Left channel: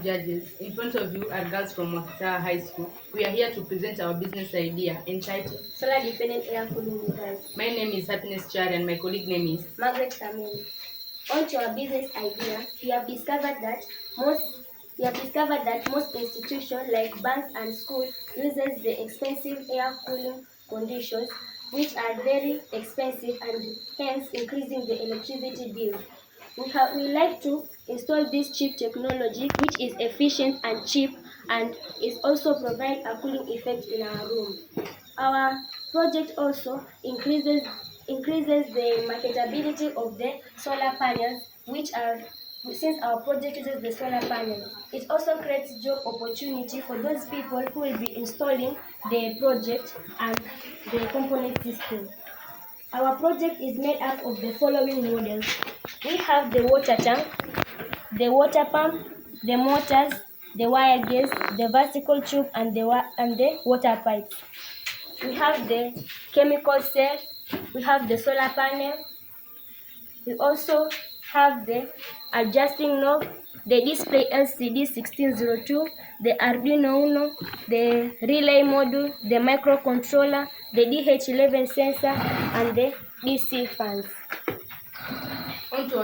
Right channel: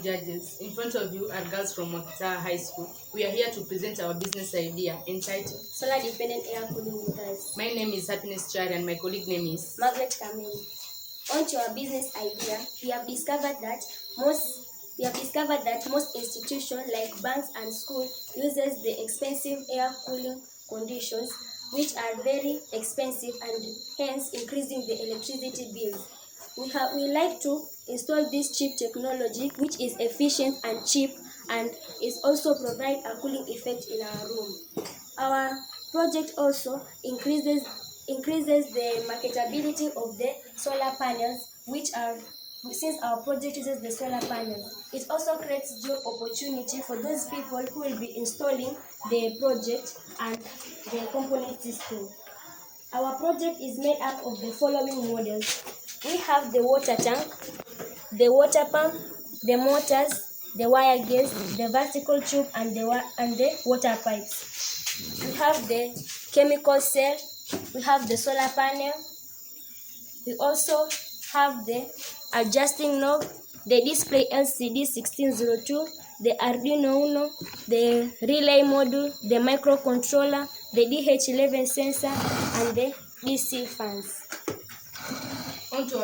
Judges, in front of you are girls from Makata High School. We are here to present our business idea entitled Solar Dependent Air Cooling Meters. My name is Happiness Chari and my colleague name is Margaret Kamel. On to our business idea, we have discovered that most institutions like banks and schools uses the expensive air cooling conditions, which are very expensive and hence increasing the electricity bills. We like to install this cheap technology which is efficient and cheap and is also provide a cooling effect in our room. Our project also increases the marketability of the solar panels, which are, since our project uses the solar panels, it also creates job opportunity for those people who will be installing the project and the component system. Our project is made up of the following models. We have the water tank, the water pump, the motors, the wire gates, the vertical tube, and the water pipes. We have the chemical cell, we have the solar panel, we also have the adjusting knob, the display LCD 1602, the Arduino Uno, the relay module, the microcontroller, the DH11 sensor, and the DC fans. onto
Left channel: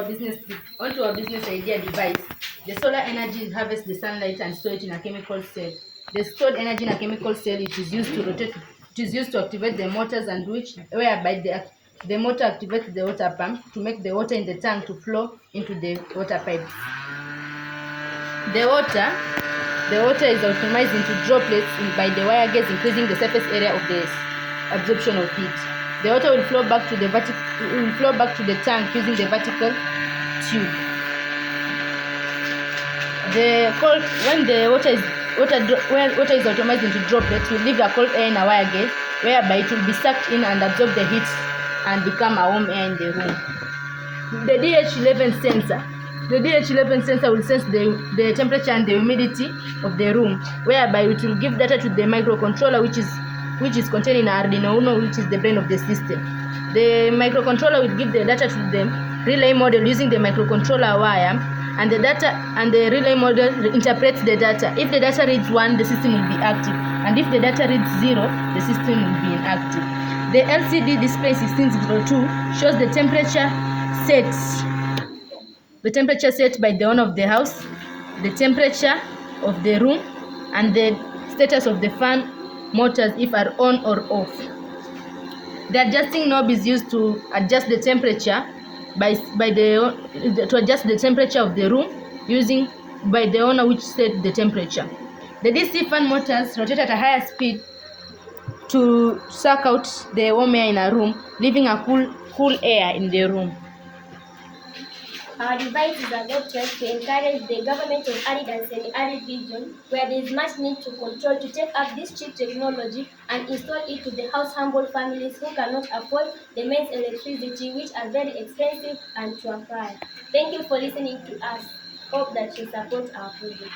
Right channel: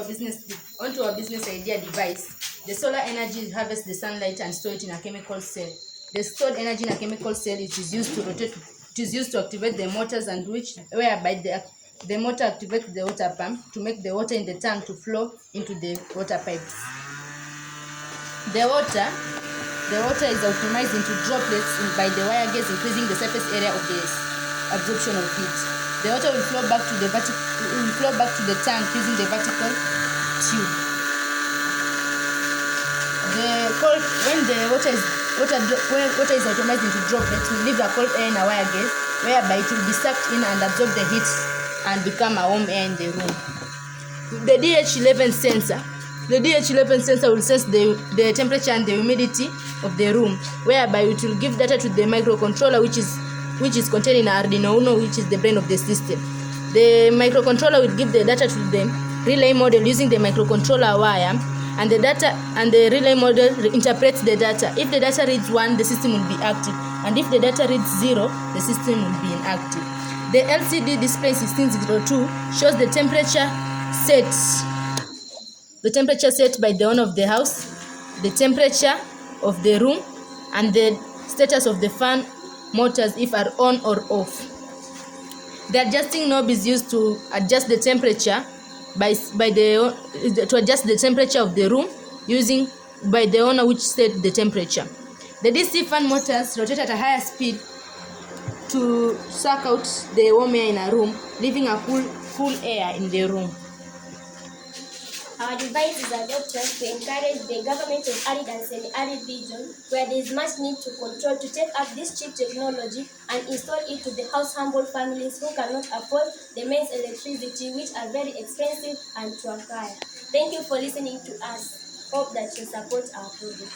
our business idea device. The solar energy harvests the sunlight and store it in a chemical cell. The stored energy in a chemical cell is used to activate the motors and whereby the motor activates the water pump to make the water in the tank to flow into the water pipes. The water is optimized into droplets by the wire gates, increasing the surface area of the absorption of heat. The water will flow back to the tank using the vertical tube. When the water is optimized into droplets, will leave a cold air in a wire gate, whereby it will be sucked in and absorb the heat and become a warm air in the room. The DH11 sensor. The DH11 sensor will sense the temperature and the humidity of the room, whereby it will give data to the microcontroller, which is contained in Arduino Uno, which is the brain of the system. The microcontroller will give the data to the relay model using the microcontroller wire, and the relay model interprets the data. If the data reads 1, the system will be active, and if the data reads 0, the system will be inactive. The LCD display 1602 shows the temperature set by the owner of the house, the temperature of the room, and the status of the fan motors if are on or off. The adjusting knob is used to adjust the temperature to adjust the temperature of the room using by the owner which set the temperature. The DC fan motors rotate at a higher speed to suck out the warm air in a room, leaving a cool air in the room. Our device is adopted to encourage the government of arid and semi-arid region where there is much need to control to take up this cheap technology and install it to the humble families who cannot afford the mains electricity, which are very expensive and to acquire. Thank you for listening to us. Hope that you support our project.